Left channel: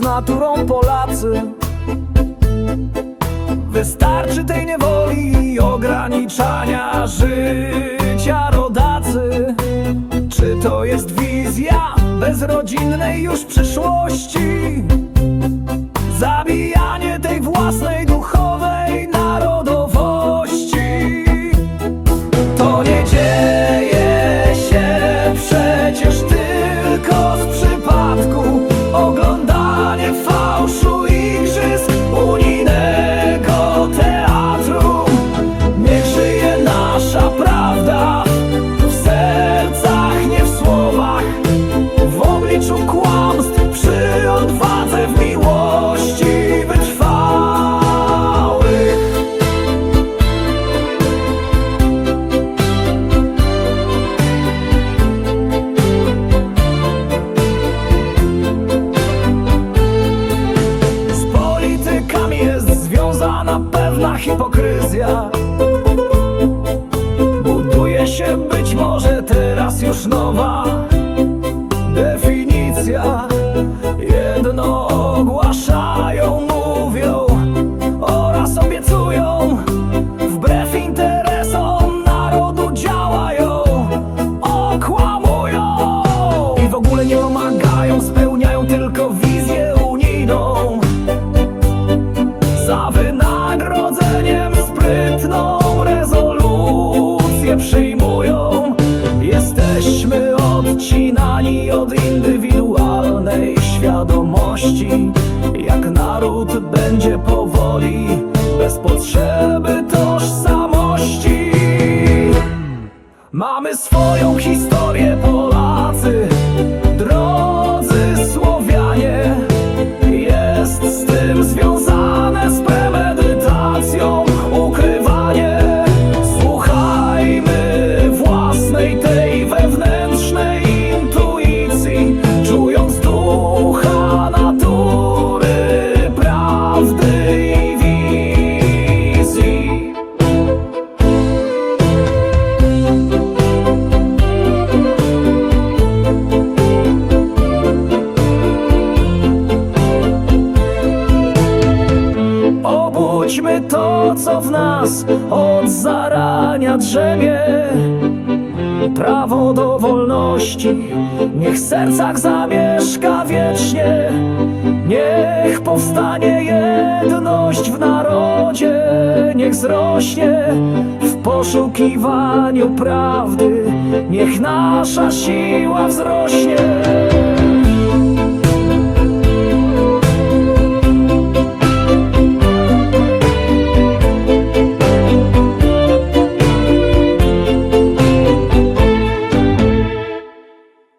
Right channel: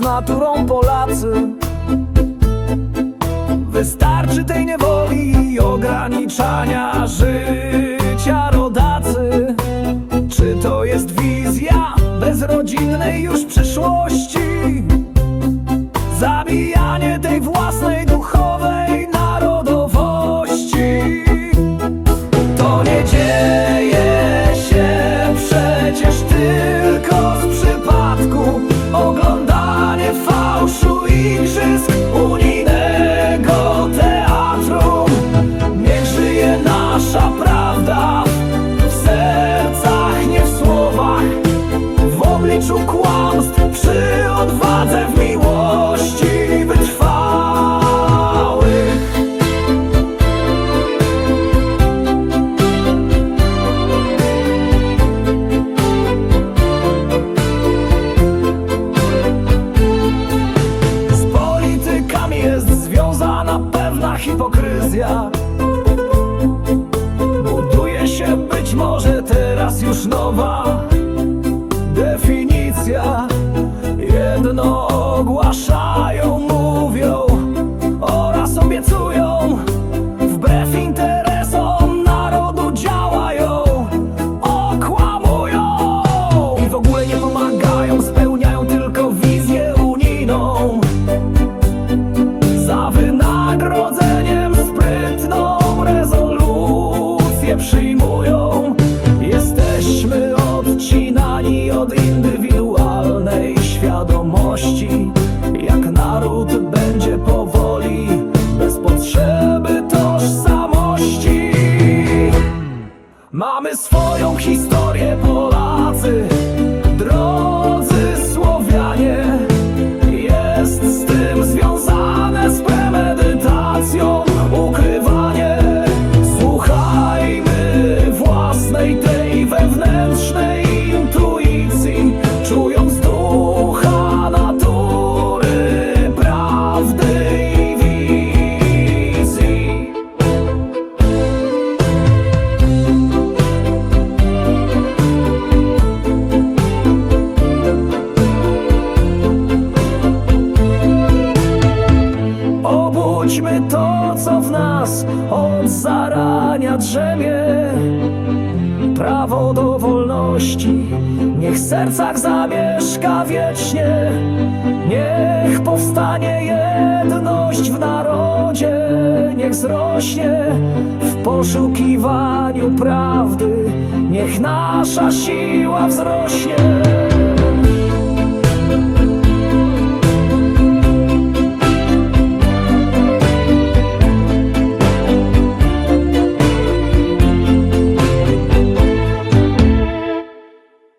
naturą Polacy. Wystarczy tej niewoli i ograniczania życia rodacy. Czy to jest wizja bezrodzinnej już przyszłości? Zabijanie tej własnej duchowej narodowości. To nie dzieje się przecież tylko z przypadku Oglądanie fałszu igrzysk unijnego teatru. Niech żyje nasza prawda w sercach, nie w słowach W obliczu kłamstw, pewna hipokryzja. Buduje się być może teraz już nowa definicja. Jedno ogłaszają, mówią oraz obiecują. Wbrew interesom narodu działają, okłamują I w ogóle nie pomagają, spełniają tylko wizję od indywidualnej świadomości. Jak naród będzie powoli, bez potrzeby tożsamości. Mamy swoją historię, Polacy, drodzy Słowianie. Jest z tym związane z premedytacją ukrywanie. Słuchajmy własnej tej wewnętrznej intuicji, Obudźmy to, co w nas od zarania drzemie. Prawo do wolności, niech w sercach zamieszka wiecznie. Niech powstanie jedność w narodzie, niech zrośnie w poszukiwaniu prawdy, niech nasza siła wzrośnie.